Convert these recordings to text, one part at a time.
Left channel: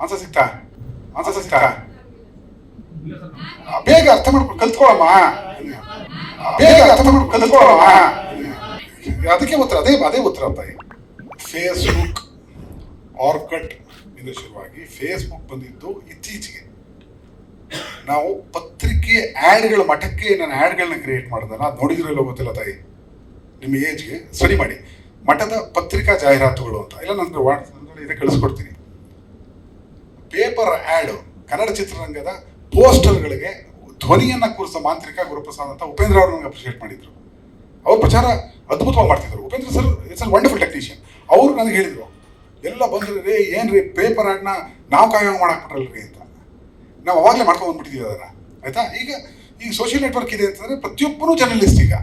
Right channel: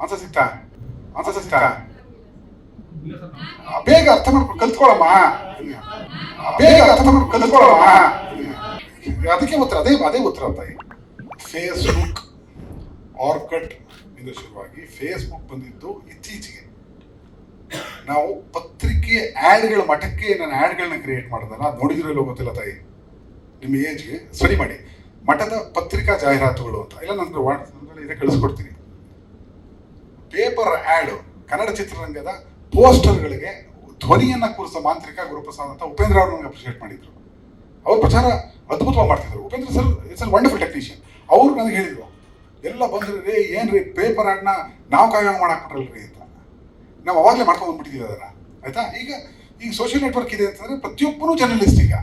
Answer ಸಿಗ್ತಾ answer ಬೇಗ ಅರ್ಥ ಮಾಡ್ಕೊಂಡು ಕಲ್ತ್ಕೊಳಮ್ಮ. ಬೇಗ ಅರ್ಥ ಮಾಡ್ಕೊಂಡು ಕಲ್ತ್ಕೊಳಮ್ಮ. ಅದಕ್ಕೆ ಉತ್ತರ ಅದೇ ಅದೇ ಉತ್ತರ ತಾಯಿ ಫೇಸ್ಬುಕ್ ಆರ್ಕಟ್ ಇಂದ ಶುರುವಾಗಿ ಫೇಸ್ಬುಕ್ ಬಂದಿದ್ದು ಇತ್ತೀಚೆಗೆ. ನಾವು ಪತ್ರಿಕೆ ಆ್ಯಡ್ಗಳ ಮಠಕ್ಕೆ ನಾನು ಆ್ಯಡ್ಗಳನ್ನ ಕ್ರಿಯೇಟ್ ಮಾಡಿದಲ್ಲ ಅದು ನೋಡಿದ್ರಲ್ಲೋ ಗೊತ್ತಿಲ್ಲ ತಾಯಿ? ನಿಮ್ಮ ಏಜ್ಗೆ ಸರಿ ಮಾಡಿ. ಮಠದ ಪತ್ರಿಕಾ ಜಾಹೀರಾತುಗಳು ಅಂತ. ಇಲ್ಲ ನನಗೆ ವಾಟ್ಸಪ್ನಲ್ಲಿ ಇದೆ ಕಳಿಸ್ಕೊಡ್ತೀನಿ. ಪೇಪರ್ ಆ್ಯಡ್ ಕನ್ನಡ ಚಿತ್ರರಂಗದ ಪೋಸ್ಟರ್ಗಳಿಗೆ ಧ್ವನಿಯನ್ನು ಕೂರಿಸೋ ಮಾಂತ್ರಿಕ ಗುರುಪ್ರಸಾದ್ ಅಂತ ಉಪೇಂದ್ರ ಅವರು ನನಗೆ ಅಪ್ರಿಷಿಯೇಟ್ ಮಾಡಿದ್ರು. ಅವ್ರ ಪ್ರಚಾರ ಅದ್ಭುತವಾಗಿ ಮಾಡ್ತಿದ್ರು. Upendra sir it's a wonderful technician ಅವರು ನನಗೆ ಹೇಳಿದರು, ಎಲ್ಲ ಬಂದ್ರೆ ಏನು ರೀ ಪೇಪರ್ ಆ್ಯಡ್ನ ನಾವು ಕಾಯೋ ಮಾಡಾಕ್ಬಿಟ್ರಲ್ರಿ ಅಂತ. ನಾವು ಅವಾಗಲೇ ಮಾಡ್ಕೊಂಡು ಬಂದ್ಬಿಟ್ಟಿದ್ದೀವಿ ಅದನ್ನ, ಆಯ್ತಾ? ಈಗ ಈಗ ಸೋಷಿಯಲ್ ನೆಟ್ವರ್ಕ್ ಇದೆ ಅಂತಂದರೆ ಪ್ರತಿಯೊಬ್ಬರೂ ಜರ್ನಲಿಸ್ಟ್ ಈಗ.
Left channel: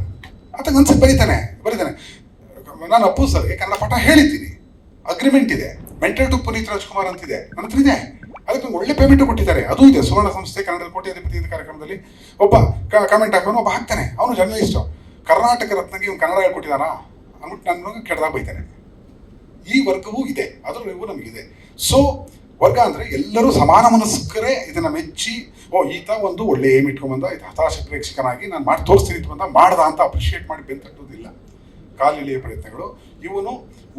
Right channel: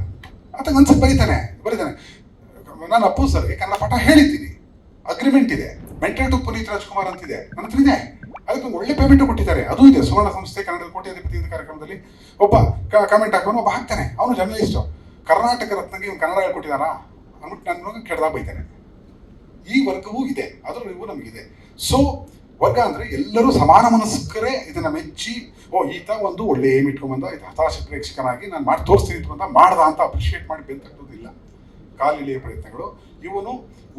ಆತ ಅನ್ಸಿ ಬರೀತಾನೆ ಬರೀತಾನೆ. ನಾನು ಅಪ್ಪು ಸರ್ಗೆ ಕನ್ನಡ ಪಾಠ ಹೇಳಿದ್ದೀನಿ. ಅಗ್ರಿಮೆಂಟ್ ಇದೆ. ಮೆಂಟಲ್ ಟು ಪುನೀತ್ ರಾಜ್ಕುಮಾರ್ ಅಂತಿದೆ. ಇದೆ ಅದಕ್ಕೆ ಒಳ್ಳೆ ಪೇಮೆಂಟ್ ಕೊಟ್ಟಿದ್ದಾರೆ. ಅದು ಇದೆ. ಸುವರ್ಣ ಸಂಸ್ಥೆ ಕನ್ನಡದ ಅಧಿಪತಿ ಕಾರ್ಯಕ್ರಮದಲ್ಲಿ ಒಬ್ಬ ಕಮೆಂಟ್ ಹಾಕೋನು ಒಬ್ಬ ಹಾಕ್ತಾನೆ. ಅವನು ಜರ್ನಲಿಸ್ಟು ಕರ್ನಾಟಕ ರತ್ನಗೆ ಇವನು ಕನ್ನಡ ಹೇಳ್ಕೊಟ್ಟಿದ್ದಾನ? ಅಂದ್ಬಿಟ್ಟು ನಾನು ಕೆಡ್ದಾಗ ಬೈತಾನೆ. ಈ ವರ್ಗವೂ ಇದೆ. ಅದರವರೆಗೂ ನಮಗಿದೆ. ಸೊ ವರ್ಗ ಅಂದ್ರೆ ಎಲ್ಲರೂ ಸಮಾನ ಮನಸ್ಕರೇ ಇದನ್ನ ಮೆಚ್ಚಿ, ಓ, ಈತ ಒಂದು ಒಳ್ಳೆ ಏಮ್ ಇಟ್ಕೊಂಡ್ಬಂದ ಇದು ಹತಾಶ ಪ್ರೇಕ್ಷಕನಾಗಿ ನಾನು ಮಾಡಿ ತೋರಿಸ್ತೀನಿ ಬಂದ ಮಾಡ್ದ ಅಂತ ಅಪ್ರಿಷಿಯೇಟ್ ಮಾಡಿ ಬೆಂತಟ್ಟೋದಿಲ್ಲ ಕಾಲಿಲೆಯ ಪ್ರಯತ್ನಗಳು. ಇವನು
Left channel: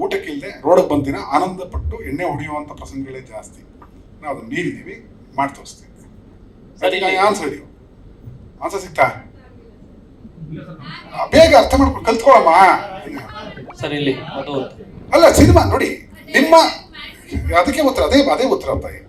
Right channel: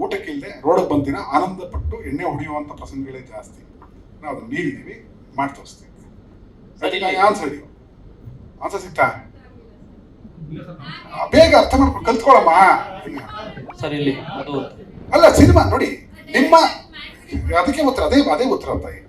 ಊಟಕ್ಕಿಲ್ಲದೆ ರೋಡಕ್ಕೆ ಬಂದಿನ ಆನಂದ ಪಟ್ಟು ಎಣ್ಣೆ ಹೊಡೆಯುವಂಥ ಪ್ರಸಂಗಗಳೇ ಜಾಸ್ತಿ. ನಾವು ಅದನ್ನು ಮೀರಿದ್ದೀವಿ. ಮಾಡಿ ತೋರಿಸ್ತೀವಿ. ಸರಿ. ಆನ್ಸರ್ ಹೇಳಿ. ಆನ್ಸರ್ ಸಿಗ್ತಾ? ಬೇಗ ಅರ್ಥ ಮಾಡ್ಕೊಂಡು ಕಲ್ತ್ಕೊಳ್ಳಮ್ಮ ಸರ್ ಇಲ್ಲಿ ಅದು. ಅಲ್ಲ ಸಿನಿಮಾ ನೋಡಿ. ನಿಮ್ಮ ಅದಕ್ಕೆ ಉತ್ತರ ಅದೇ ಅದೇ ಉತ್ತರ ತಾಯಿ